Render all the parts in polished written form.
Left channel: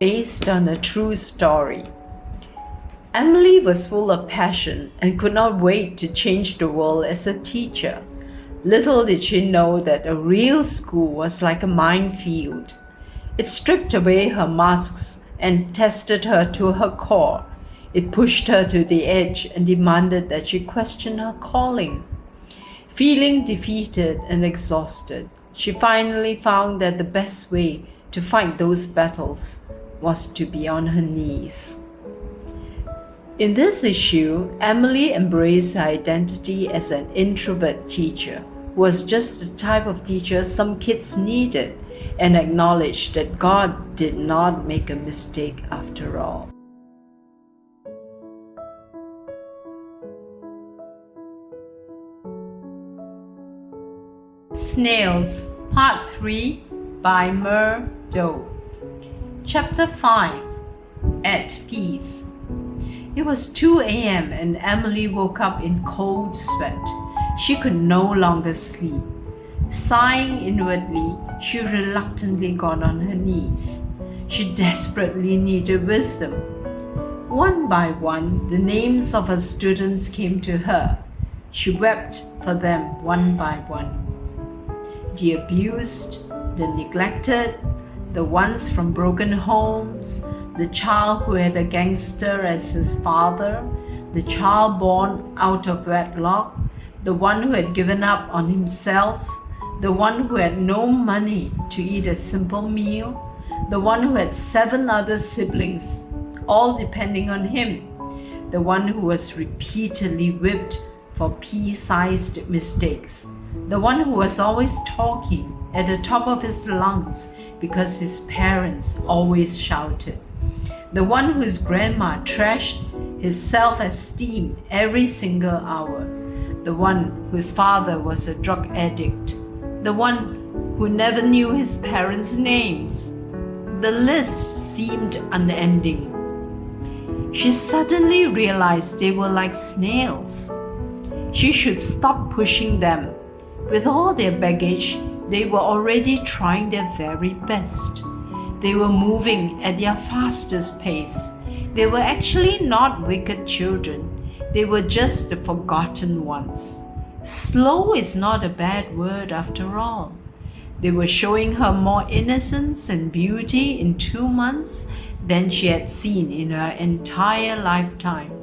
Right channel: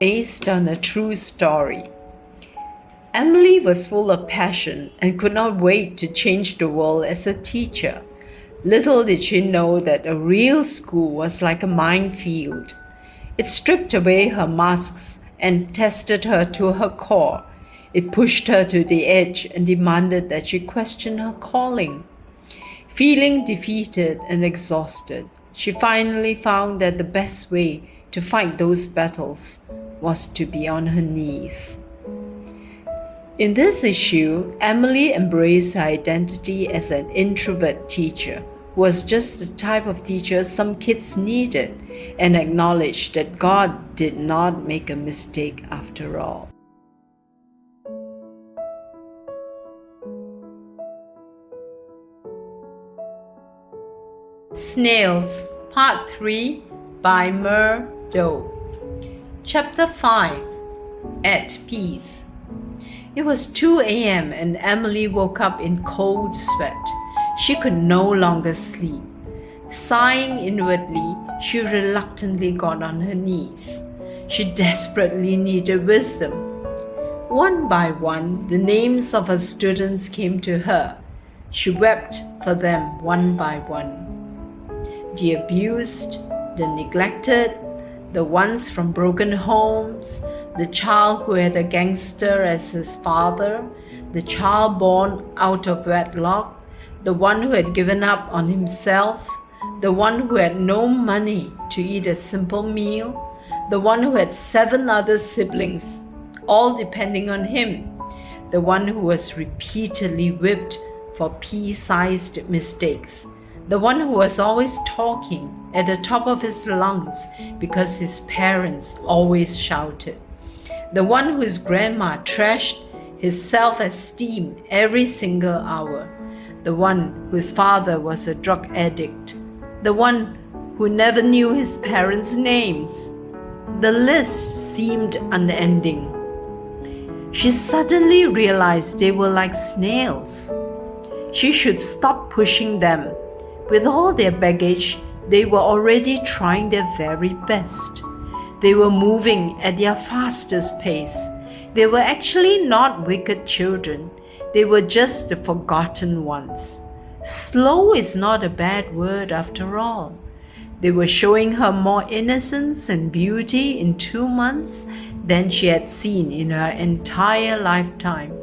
Based on a true story. Emily was full of passion and could not wait to change the world as a teacher. Little did she know that a real school was like a minefield. It stripped away her masks and tested her to her core. It pushed her to the edge and demanded that she question her calling. Feeling defeated and exhausted, she finally found that the best way to fight those battles was to be on her knees. In this issue, Emily embraced her identity as an introvert teacher who was just the type of teacher some kids needed, and acknowledged that God did not make a mistake after all. Snails, Part 3 by Myrrh Doe. Chapter 5 At Peace. It was 2 a.m. and Emily woke up in cold sweat. She could no longer sleep. Sighing inwardly, she reluctantly got on her knees. She desperately needed wisdom. One by one, the names of her students came to her. She wept for them one by one. The abused, the neglected, the ones from broken homes, the child who had a gangster as his father, the child born out of wedlock, the one who had given up on himself, the one who had no money to eat a simple meal, the one who had 7 other siblings, all depending on him, the one who was repeatedly whipped for pea-sized mistakes, the one who was always talking at the top of his lungs because his parents always shouted, the one whose grandma trashed his self-esteem every single hour, the one whose father was a drug addict, the one who never knew his parents' names. The list seemed unending. She suddenly realized they were like snails. She should stop pushing them. With all their baggage, they were already trying their very best. They were moving at their fastest pace. They were actually not wicked children. They were just the forgotten ones. Slow is not a bad word after all. They were showing her more innocence and beauty in 2 months than she had seen in her entire lifetime.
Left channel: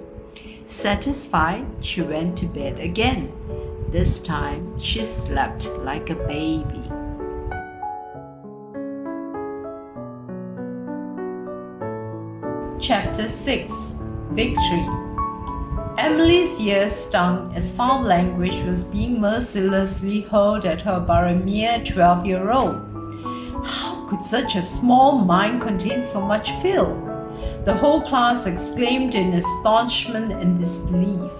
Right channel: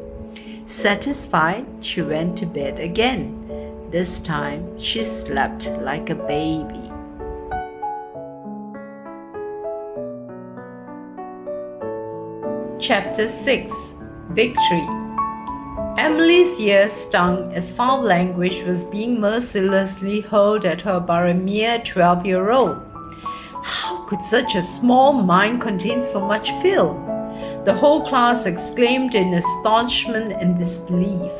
Satisfied, she went to bed again. This time, she slept like a baby. Chapter 6 Victory. Emily's ears stung as foul language was being mercilessly hurled at her by a mere 12-year-old. How could such a small mind contain so much filth? The whole class exclaimed in astonishment and disbelief.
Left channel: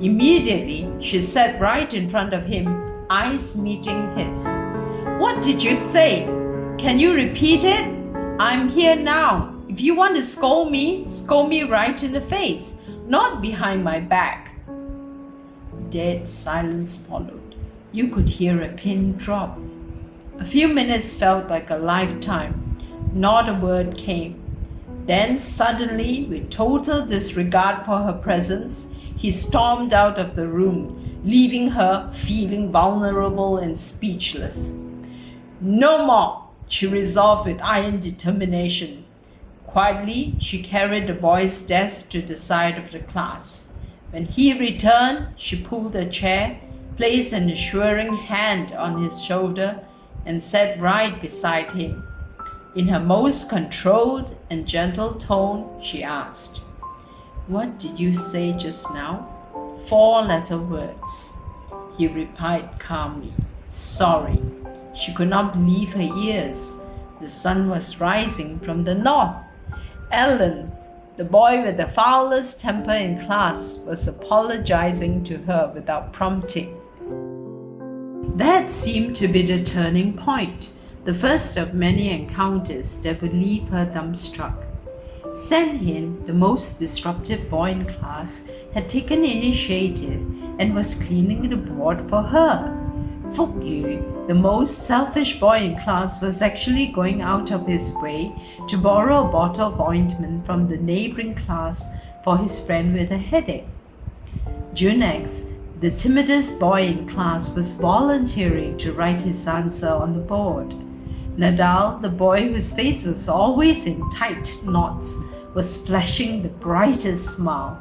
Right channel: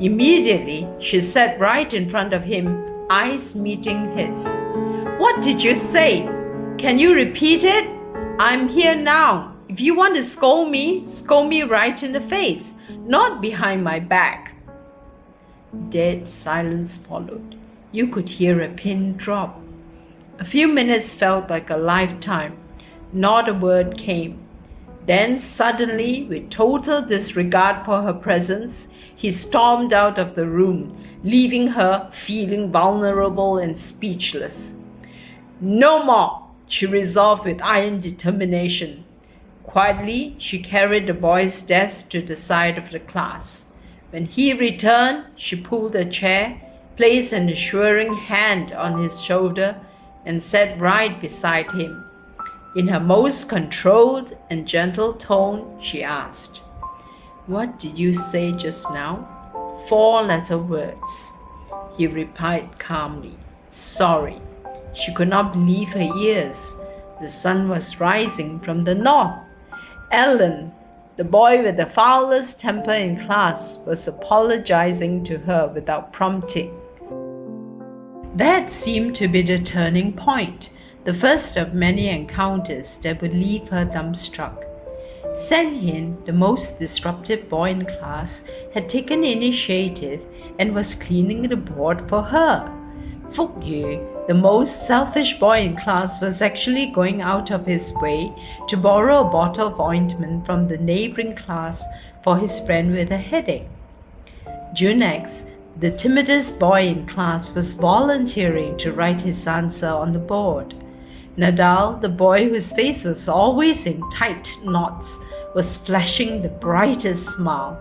Immediately, she sat right in front of him, eyes meeting his. "What did you say? Can you repeat it? I'm here now. If you want to scold me right in the face, not behind my back." Dead silence followed. You could hear a pin drop. A few minutes felt like a lifetime. Not a word came. Then suddenly, with total disregard for her presence, he stormed out of the room, leaving her feeling vulnerable and speechless. "No more," she resolved with iron determination. Quietly, she carried the boy's desk to the side of the class. When he returned, she pulled a chair, placed an assuring hand on his shoulder, and sat right beside him. In her most controlled and gentle tone, she asked, "What did you say just now?" 4-letter words. He replied calmly, "Sorry." She could not believe her ears. The sun was rising from the north. Alan, the boy with the foulest temper in class, was apologizing to her without prompting. That seemed to be the turning point, the first of many encounters that would leave her dumbstruck. Sanhin, the most disruptive boy in class, had taken initiative and was cleaning the board for her. Fuk Yu, the most selfish boy in class, was actually going out of his way to borrow a bottle of ointment from the neighboring class for his friend with a headache. Junex, the timidest boy in class, was volunteering to write his answer on the board. Nadal, the boy whose face was always in tight knots, was flashing the brightest smile.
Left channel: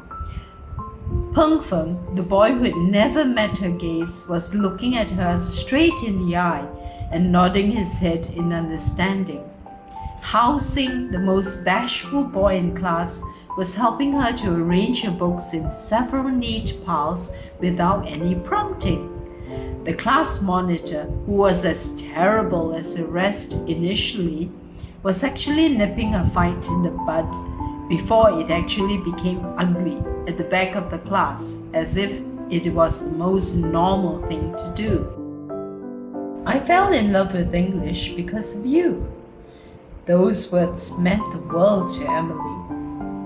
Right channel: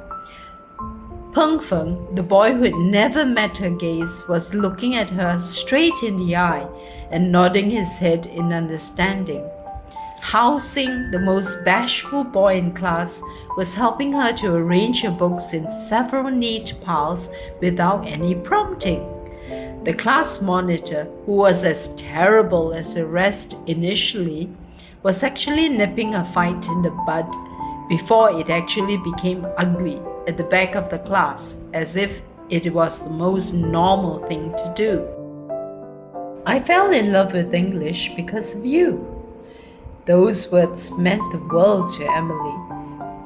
Peng Feng, the boy who had never met her gaze, was looking at her straight in the eye and nodding his head in understanding. Hao Xing, the most bashful boy in class, was helping her to arrange her books in several neat piles without any prompting. The class monitor, who was as terrible as the rest initially, was actually nipping a fight in the bud before it actually became ugly at the back of the class, as if it was the most normal thing to do. I fell in love with English because of you. Those words meant the world to Emily.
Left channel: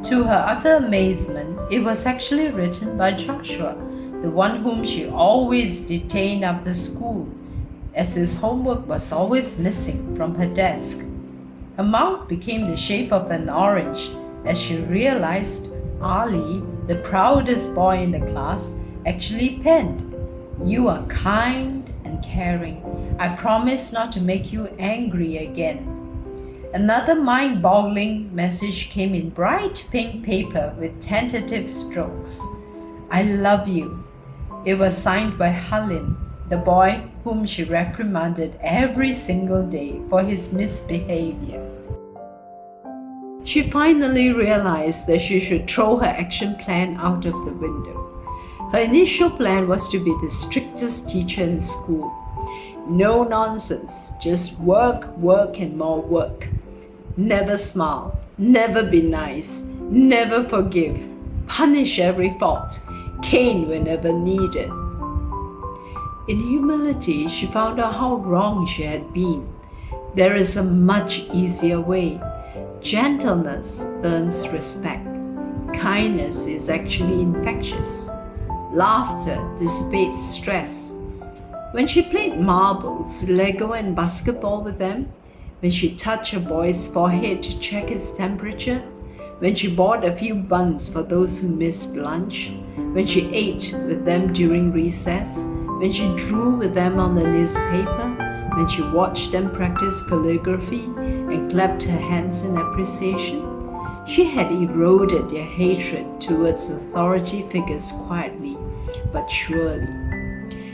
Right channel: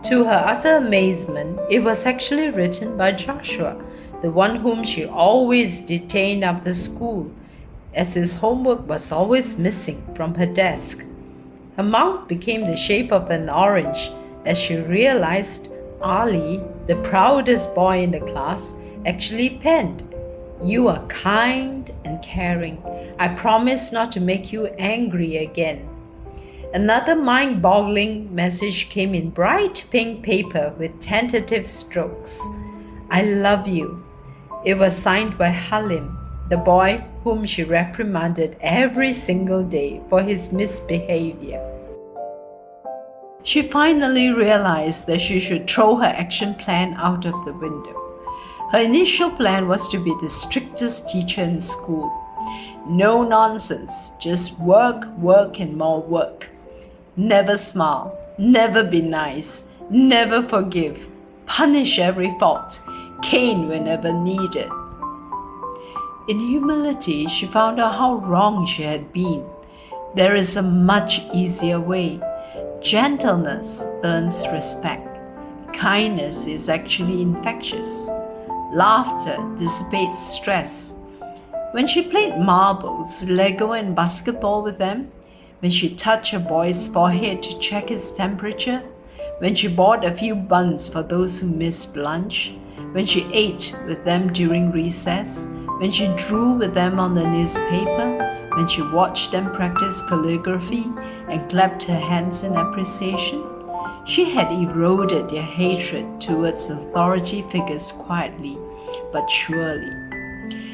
To her utter amazement, it was actually written by Joshua, the one whom she always detained after school, as his homework was always missing from her desk. Her mouth became the shape of an orange as she realized Ali, the proudest boy in the class, actually penned, "You are kind and caring. I promise not to make you angry again." Another mind-boggling message came in bright pink paper with tentative strokes. "I love you." It was signed by Halim, the boy whom she reprimanded every single day for his misbehavior. She finally realized that she should throw her action plan out of the window. Her initial plan was to be the strictest teacher in school. No nonsense, just work, work, and more work. Never smile, never be nice, never forgive, punish every fault, cane whenever needed. In humility, she found out how wrong she had been. There is a much easier way. Gentleness earns respect. Kindness is actually infectious. Laughter dissipates stress. When she played marbles, Lego, and basketball with them, when she touched a boy's forehead to check his temperature, when she bought a few buns for those who missed lunch, when she ate with them during recess, when she drew with them on the newspaper, when she watched them practice calligraphy and clapped her hands in appreciation, she had eroded their hatred towards authority figures quietly but surely.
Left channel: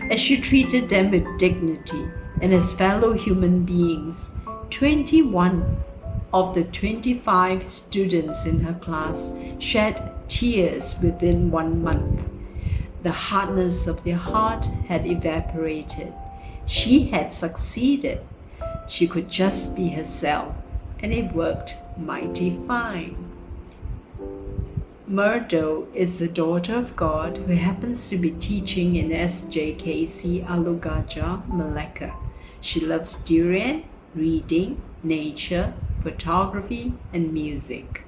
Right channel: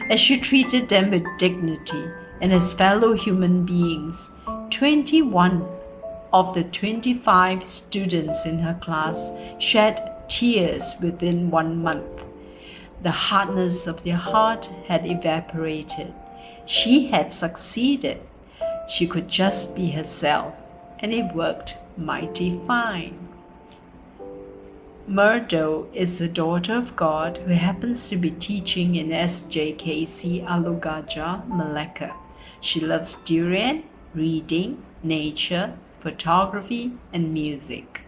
As she treated them with dignity and as fellow human beings, 21 of the 25 students in her class shed tears within 1 month. The hardness of their heart had evaporated. She had succeeded. She could just be herself, and it worked mighty fine. Myrrh Doe is a daughter of God who happens to be teaching in SJKC Alugaja, Malacca. She loves durian, reading, nature, photography, and music.